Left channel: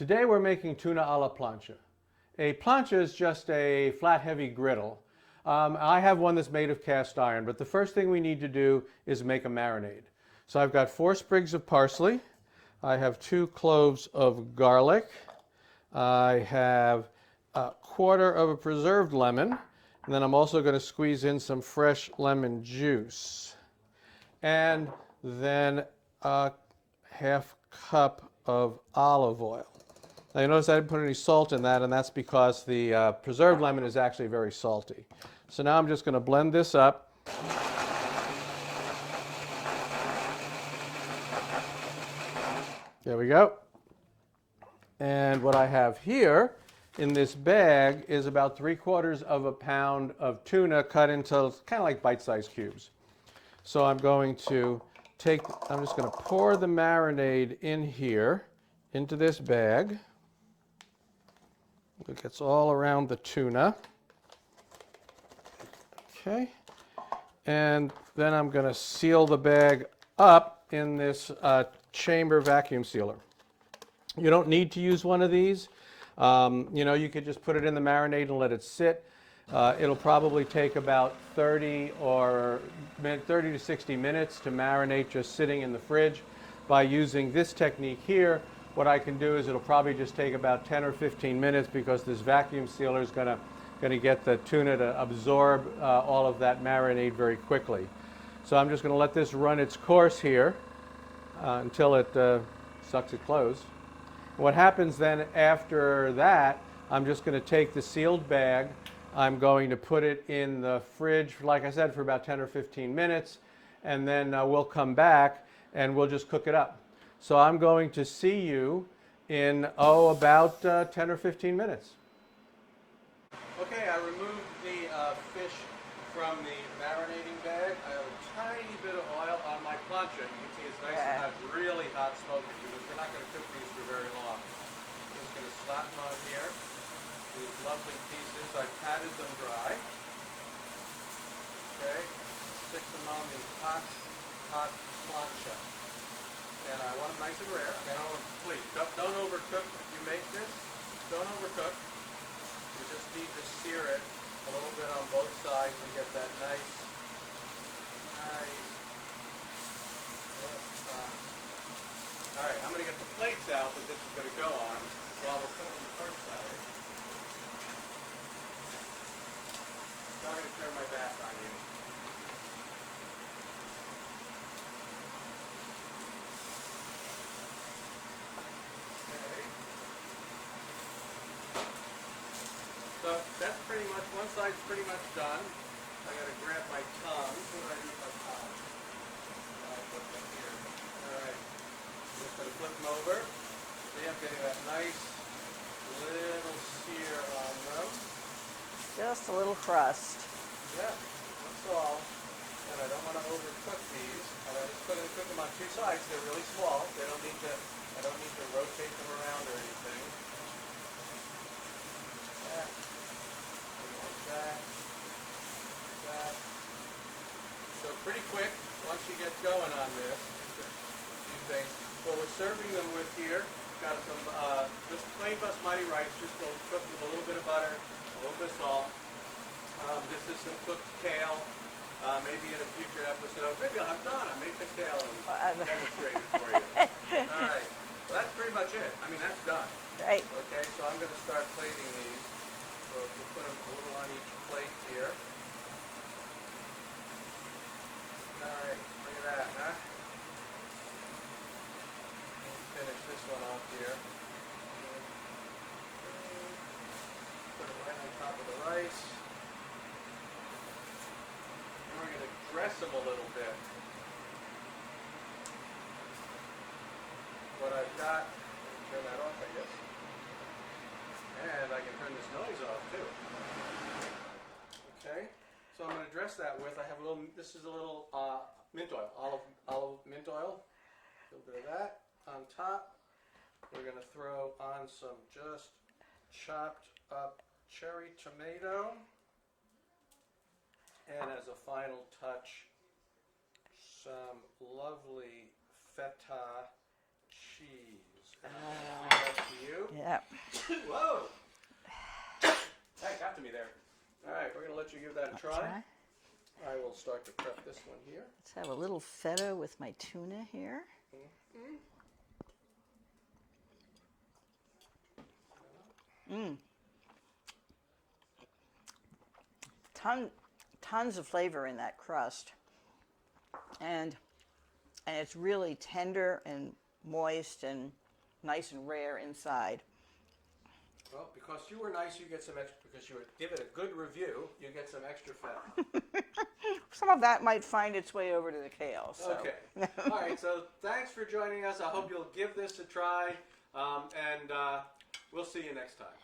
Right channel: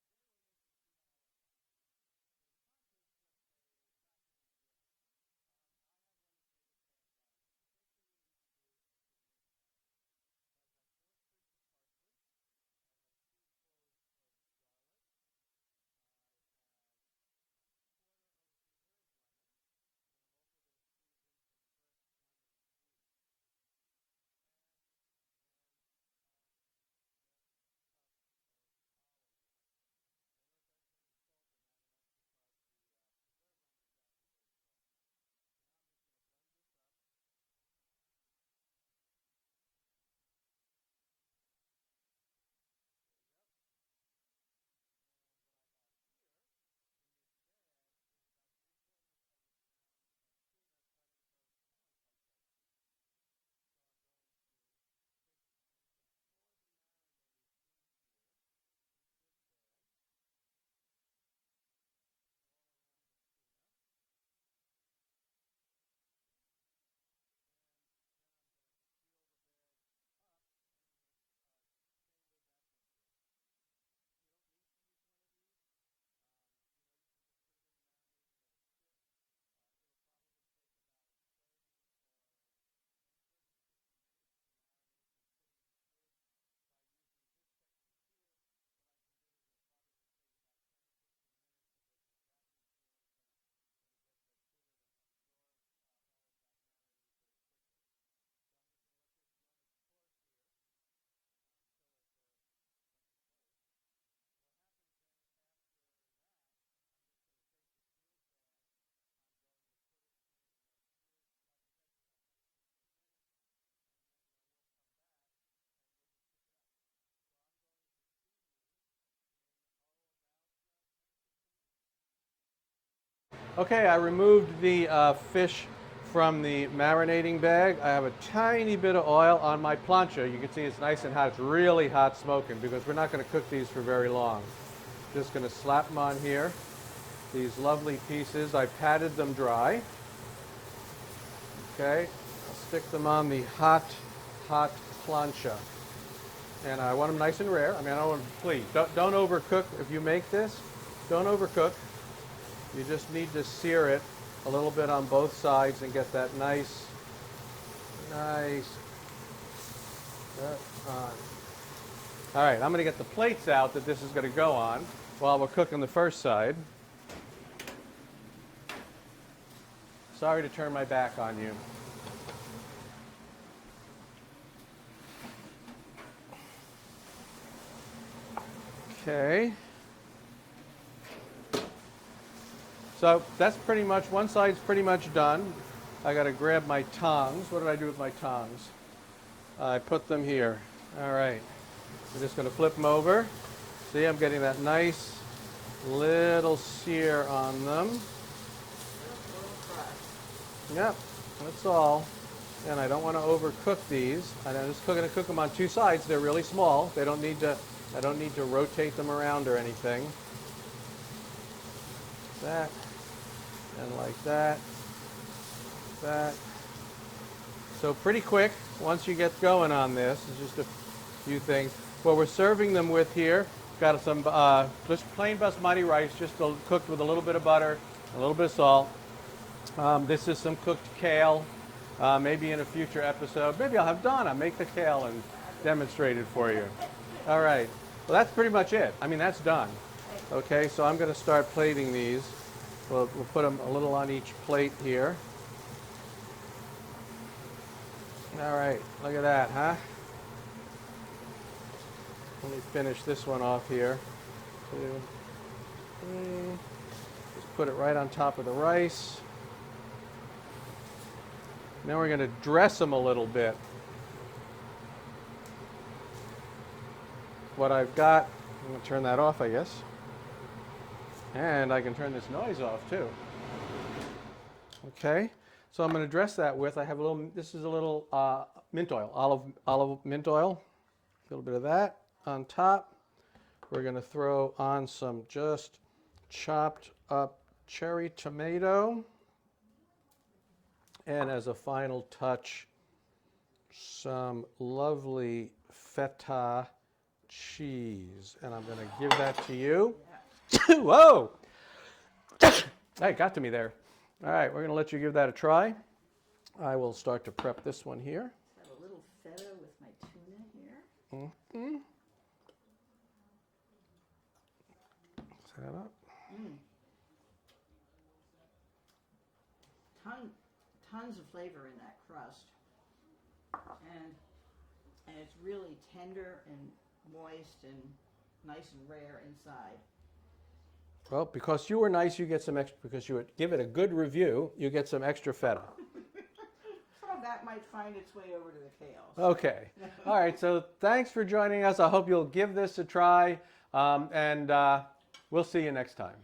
Today we're making tuna a la plancha. A plancha is just a flat heavy griddle. I have one that's made of cast iron, but the first thing we need to do is make a marinade. So I've got 4 sprigs of parsley. I have 2 cloves of garlic. I have a quarter of a preserved lemon. And then I'm also going to squeeze in some fresh lemon juice. And then a half cup of olive oil. Now you notice I didn't put any salt in that, and that's because the preserved lemon is actually very salty. So now I'm just going to blend this up. There we go. And what I have here in this bag is about 3/4 of a pound of tuna cut into kind of like bite-sized cubes. So I'm going to I'm just going to pour the marinade in here into this bag. It gets all around the tuna. Okay. And then I'm going to seal the bag up in this chamber vacuum sealer. You don't need to use one of these. You could just put it in the marinade and let it sit. It'll probably take about 30 to 60 minutes to marinate just sitting in the fridge. By using this technique here, what I can do is it'll probably just take about 10 or 15 minutes because this vacuum sealer is going to get the tuna to absorb all of that marinade very quickly. So I'm just going to let this run its course here until it sucks it closed. What happens then after that, I'm just going to take the sealed bag. I'm going to put it in the fridge, like I said, for about 10 or 15 minutes, and then we'll come back and we'll just cook it up. So I'm going to see you in, about 10 or 15 minutes. Okay, I removed the fish from the marinating bag. I have a tiny bit of oil on my plancha. You can see it's nice and hot. It's really hot smoking because we're not going to cook these for very long. Just going to slap them on here. These lovely pieces. I patted them dry. Okay, I'll stick them on the hot plancha. And I want them nice and rare. Please, don't overcook if you make this. Don't overcook. You just need to sear it a little bit on both sides and get that nice. All right, I'm going to get the plates out that this is going to go on while we're cooking the first side. Sorry to turn my back on you. Okay. So that's pretty much, one side's pretty much done. I got to grab my tongs. What did I do with my tongs? I put them here. All right. I'm just going to flip them over. See, I'm getting that nice little sear on them. Just a little crust. Yep, that's all. And I don't want to overcook these. And I'm just going to cook them on 2 sides. They're really small. I don't need to rotate them around or anything. That. And like that. That. So pretty quick once you get going on this. Just a few things. What we're serving them with here, got some just plain basmati rice, just cooked with a little bit of butter, a little bit of salt. This is some cooked kale. Maybe in a future episode, maybe I'll have Donna make the kale and demonstrate it for you. All right. Well, that's pretty much it. That's done. Right. Okay, so I'm going to start plating these. We'll put them a little on each plate here. All right, look at that, huh? Let me finish this one off here. 2, 3. Just put it right on top of the rice. Now we're going to dress them a little bit. What I've got, I'm going to turn that off, I guess. And I can turn this noise off too. Okay, so I'm going to dress that with, I have a little, this is a little mint oil, olive mint oil. A little bit of that on top. We're going to throw on some just chopped up cherry tomato. And as a final touch, some lovely feta cheese. And I'm going to give that to you. Yeah. Whoa! Hey, got to me there. All right, we're going to let you give that a try. I will start to prep this one here. Let's have a little feta with my tuna here. Set it up. Tons of flavor in that crust, and it's really tender and moist and nice and rare inside. Well, because you were nice, you get some extra. Because you would give it a good review, you get some extra feta. Some of that might find its way over to the kale. So. Okay. All right. So thanks for joining us. I hope you'll give this a try, and we'll see you next time.